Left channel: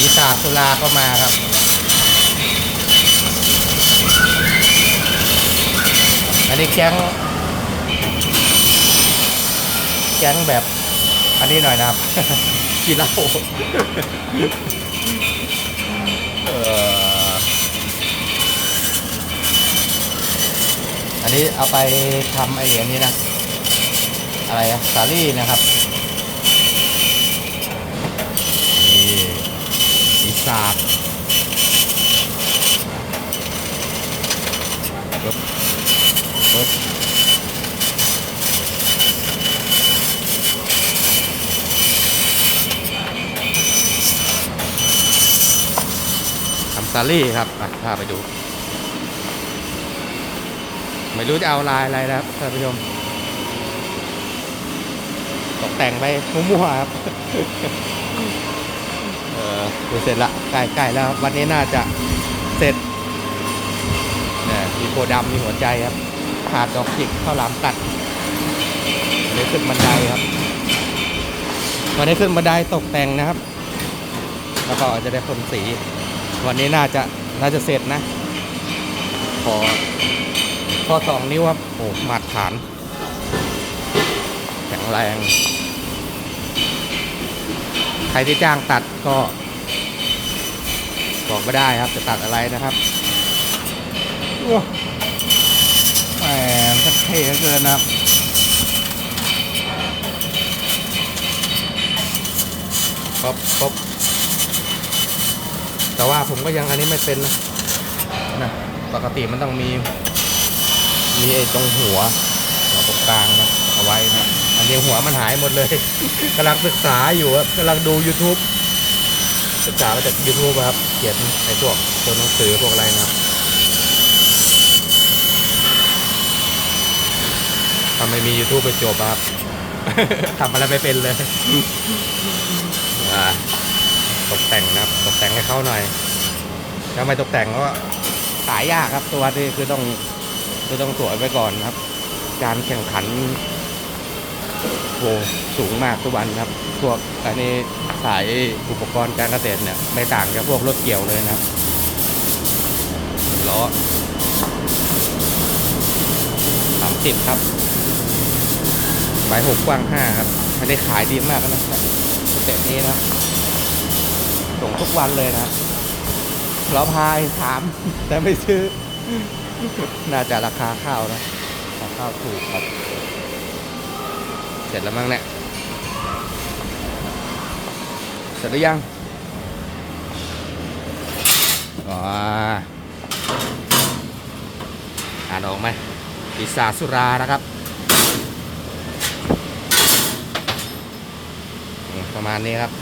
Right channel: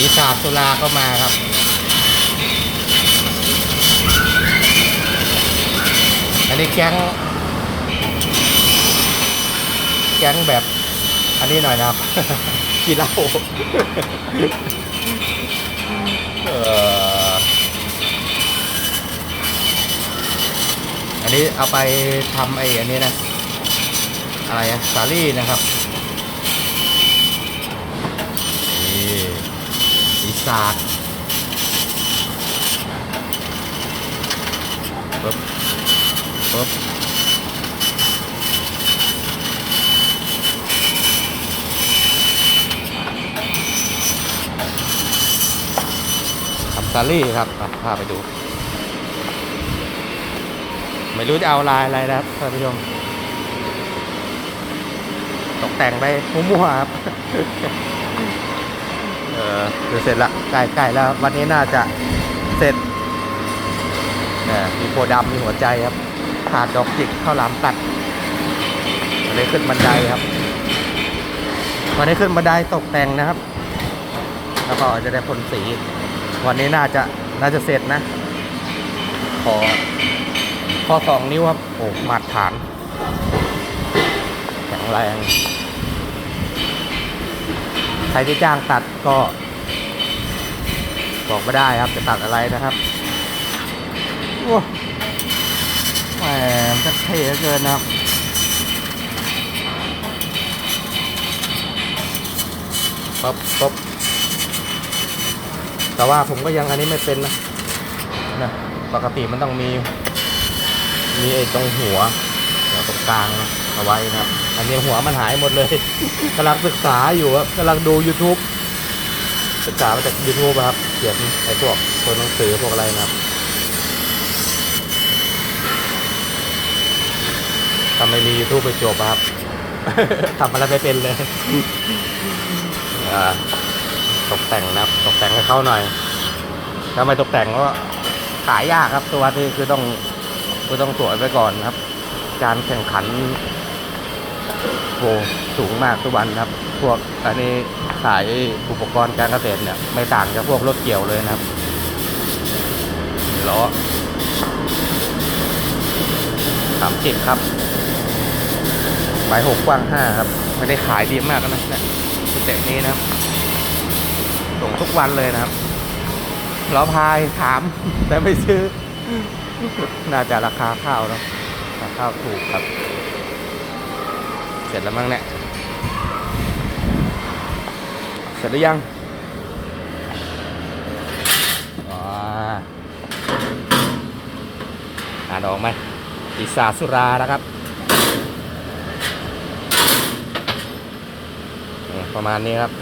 ปีศาจตุลาก็มาครับ อันนี้แก๊งแก๊งแบบ อันนี้หน่อยนะครับ กินเหล้าเอ่ออันนี้เอาไปทำไอ้อันนี้นะ อะไรอะสาลี่นะครับ นี่ปี ศาจปึ๊บปึ๊บทำซาลี่ครับอะพาไปดู ไม่รู้จะเอาลายอะไรนะครับท่านผู้ชม ตกแต่งไปมั่วๆครับ เออเสร็จละใกล้ๆแล้ววันนี้น่าจะเสร็จเนี่ยมีโพดำมีหัวใจครับขาดดอกจิกข้าวหลามตัดวันนี้ขึ้นบันไดครับวันนี้ขึ้นบันไดตกแต่งนะครับ แล้วก็จะได้พ่นสี วันนี้น่าจะน่าจะเสร็จนะขอข้อสองนิ้วครับโอ้หมาตรฐานแข็งแรง ใครที่จ้างตัดก็ บอกไม่ได้ครับจะตัดอะไรนะครับว้าแหมมันเท่เหลือเกินนะครับป๊บป๊บแต่ว่าผมก็ยังอันนี้ไม่เป็นนะนะปกติมันต้องมี มีไอ้ตรงหัวหัวตรงกลางนะ เอาไว้นะครับ อันนี้หัวมันหายหมดเลยกำลังศึกษาอยู่ครับกำลังดู YouTube ศึกษามาจาก YouTube อะครับเขียนไอ้พวกตัวหนังสือพวกอะไรนะครับถ้าไม่มี YouTube ไปจบอะครับทำอะไรไม่เป็นเลยอ่าตกแต่งนะครับ ตกแต่งให้เขาหน่อยถ้าไม่ตกแต่งก็ขายยากครับตัวนี้คือต้องคือต้องตรวจไว้ก่อนครับ การแข่งขัน โหสูงมากทุกวันครับ พวกอันนี้ขายอุปกรณ์การเกษตรเนี่ยไม่ต่างจากพวกรถเกี่ยวเลยนะครับล้อสามสิบครับใบหกกว้างห้าครับไม่ได้ขายดีมากนะเนี่ยสเต็ปนี้นะครับ ส่งทุกวันเลยนะครับล้อพายถาม แต่ไม่ซื้อ น่าจะราคาข้าวเนาะราคาข้าวถูกครับ เสร็จแล้วมั้งเนี่ย เสร็จหรือยังอ่าอ่านออกไหมปีศาจสุรานะครับนี่ประมาณนี้ครับ